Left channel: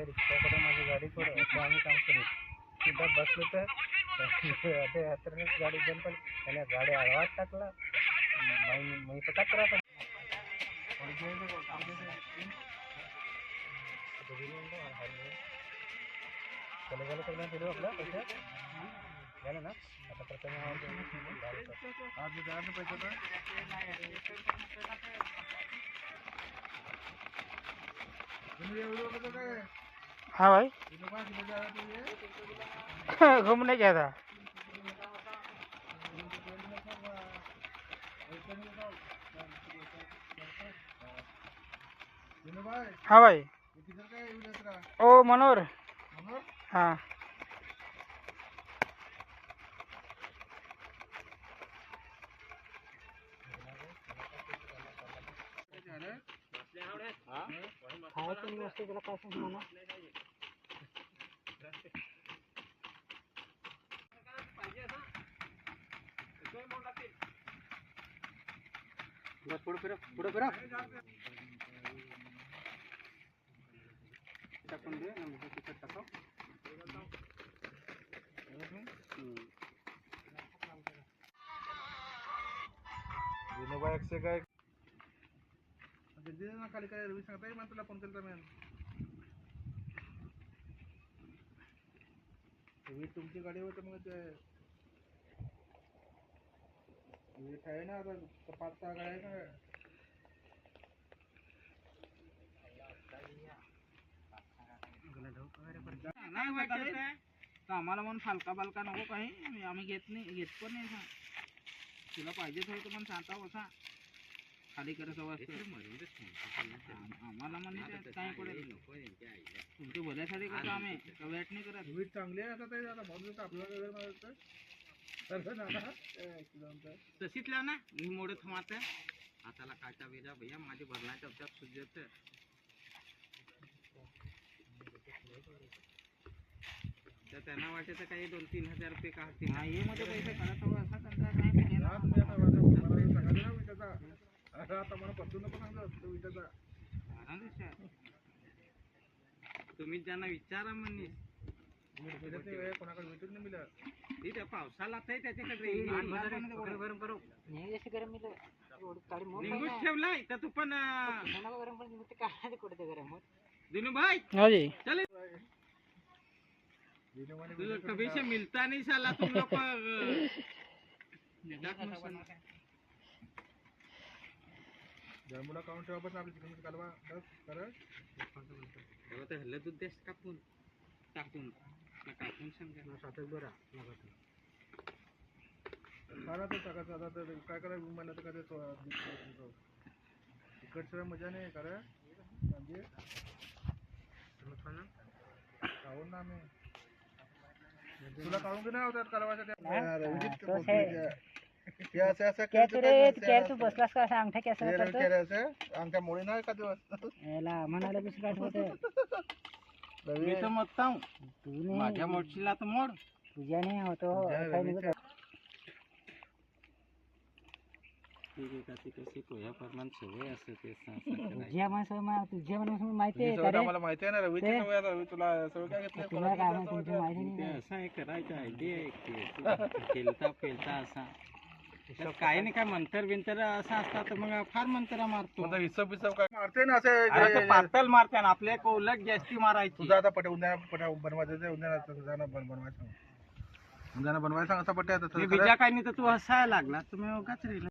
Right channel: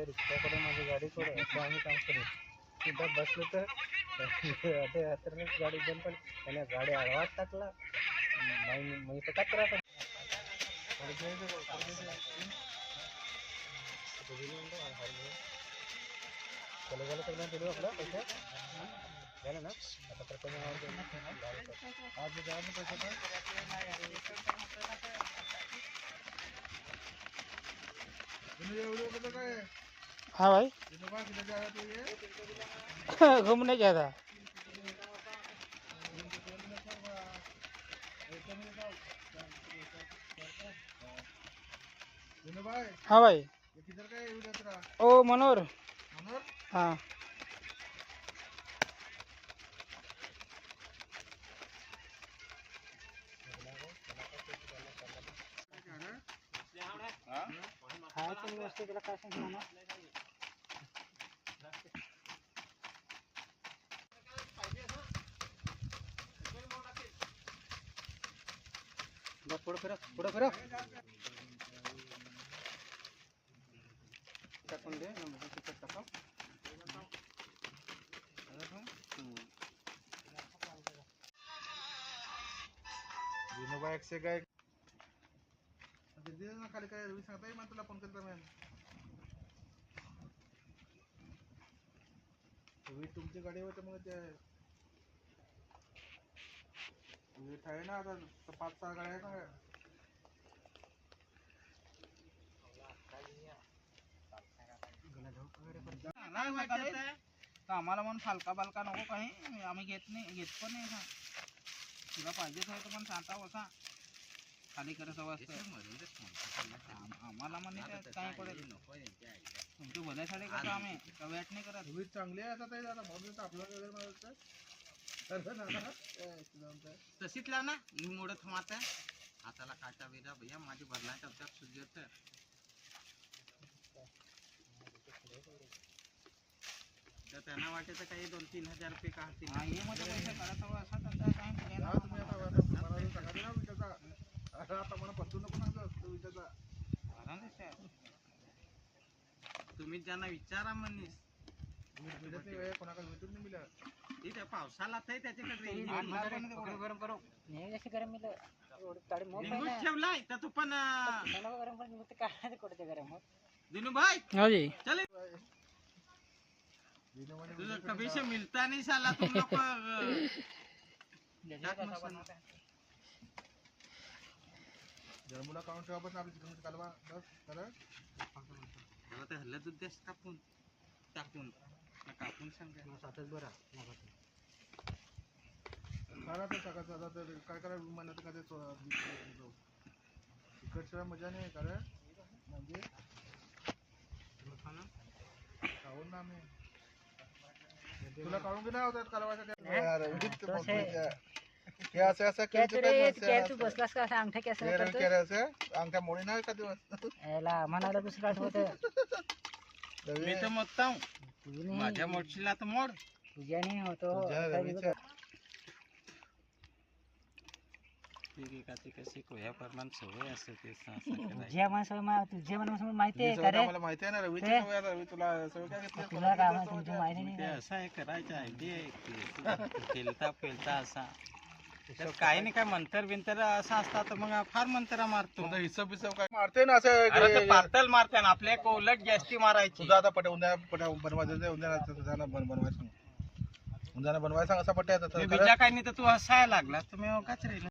रिक्षाकडे माझी गाडी सोड असं आम्ही काम करू सुद्धा बसलो तर गाडी बंद पण त्याने गाडी आवाज टाकला मी तर कचरा पण आपला पैसा झालं ना आता प्रथम हाँ भाई घूमने गया था। हाँ भाई ओ मनोर हाँ पुढे करा टाकून दे टाका विनोबा एकशे काय खाली काय रवी सांगता मग तुला फोन केला मी तुम्ही तुमची गाडी होते मग ते आहे ना आता 5-6 गाड्या आहे ना आम्हाला म्हणून फालका बालका नको काही आम्ही घेत पण नाही तुला पाहिजेच होतं पण सांगता बसा खाली करायचं वाजतं आम्हाला म्हणजे काय पडेल तुमच्या भल्यासाठी करतो आम्ही वेट नाही करत वीट चांगली आहे आता म्हणून आपलं तशीच लाव ना मोडे थमात हाताला काटा बिजा भैया माझे भरला टपटप सुजत तर त्यांना वाटायचं काही 2-3 हजार रुपये काढतील हे मध्ये पैसे काढत हवं असं आता मला पटून नको विचारचा तुम्ही ज्यांना विचारा म्हणीस कोणाकडे भेटून नाही मिळत तिथे पावसाला त्याच्याकडे गरम करू गरम निघून ठेवलाय तर तू पण दिनू भाई चल कभी से मिलता नहीं साला तुम लोग जरमुला काउंट ठेवा पण आपली चिकन कालवा करत हल्ला दूध देश टाकून सांगा सातच बरा आता काय करा म्हणलं तर काय तिकडच्या मजा नाही करा म्हणजे खाऊन ना आम्ही तुला काढून घेणार होतात कालवासाठी क्या तू बसलास का अंगठा कैसा अंगठा मोडी नाही का दिवस म्हणाला दुसरा मी तर मोडता माझ्या मोडशीला तर मोड तुझ्या नाही होतो कशी कोया प्रमाण सवय असते तुझ्या माणसाला माहिती आहे मला माहिती आहे ना रवीची सवय रवी तुला सवय काय घेतली तुला काय तुमची माहिती नाही असं आहे करायचं आयडिया खेळता असा काही नाही काय मंतर बिंतर असं असतात तर मग फार मंतर मारतो हिशोब काय मारते ना असं पातळ मारते ना आपल्या उलट जास्ती मारायची तुझा आता बनवायचं बनवायचं असा पट्ट्या बीजा काही नाही तर तू हसायला लागला तुम्ही उगाच राहिला